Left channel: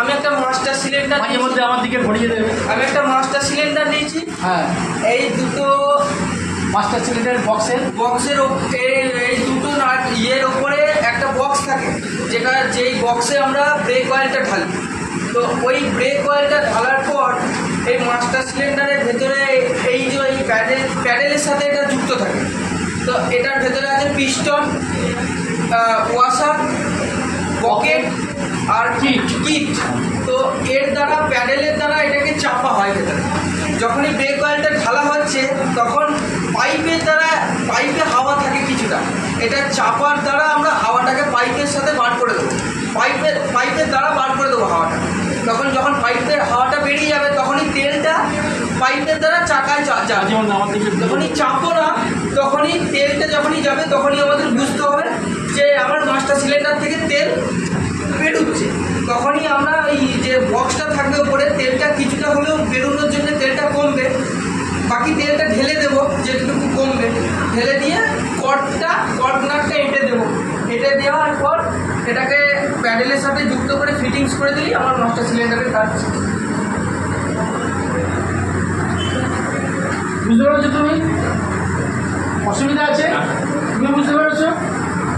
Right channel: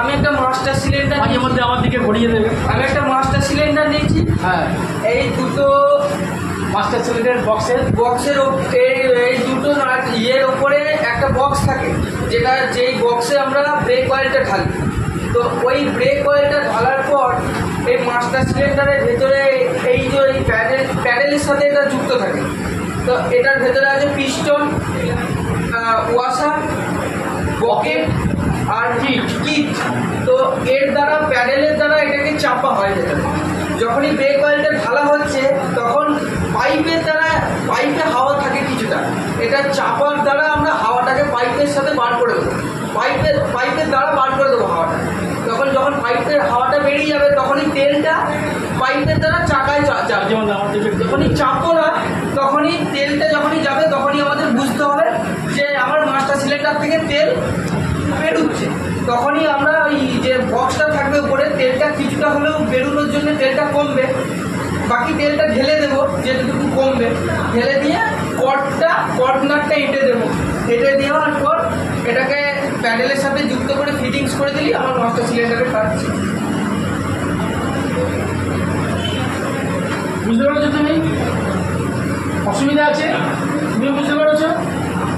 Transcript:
আমি একটা master cylinder মাঝে মধ্যে আমার দিকে ঘুরিয়ে দেবে। আমি একটা মাস্টার সিলিন্ডার নিয়েছি। হ্যাঁ, এই দুটো মাস্টার সিলিন্ডার বক্সের এই দুটো ইয়ের ওপরে একটা বক্স থাকে, যেই বক্সে আমরা ব্রেক অয়েলটা ঢালি। তো ওই ব্রেক অয়েলটা ঢালার পর এই মাস্টার সিলিন্ডারের ভেতরে এই যে এই প্যাডেলের সাথে এটা যুক্ত থাকে। তো এটার ভেতরে আছে পিস্টন, ওয়াশার, বকেট আর কিট। তো এর দ্বারা প্যাডেলের দ্বারা এটাকে চাপা হয় ভেতরে। যখনই ব্রেক অয়েলটা ঢালা হচ্ছে তখন পাইপে হাওয়া থাকে কিছুটা, এটা চাপার দ্বারা আমরা হাওয়াটাকে পাইপের সাথে বার করে দেবো। পাইপের দ্বারা বার করে দেবো হাওয়াটা। যখন পাইপের হাওয়াটা বেরিয়ে যাবে তখনই তেলটা পাইপের দ্বারা চাকায় যাবে। যখনই চাপো না তখনই তেলটা যখনই যাবে তখনই আমাদের বুঝতে হবে যে আমার মাস্টার সিলিন্ডার থেকে তেল বেরোচ্ছে। তখনই আমরা ওই যে বক্সটা থাকবে উপরে, তেলটা কিছুটা হলেও বেরোনোর জন্য তেলটা কমবে, বাকি তেলটা ঢেলে দেবো যেটুকু কমবে। ঢেলে দিয়ে কর্নারটা এঁটে দেবো। এঁটে দেওয়ার পর এটাকে প্যাডেলের সাথে যুক্ত করে ফিটিংস করে দিলেই আমার মাস্টার সিলিন্ডারের কাজ। বুঝতে পেরেছো তুমি? অসুবিধা আছে? তুমি বুঝতে পেরেছো?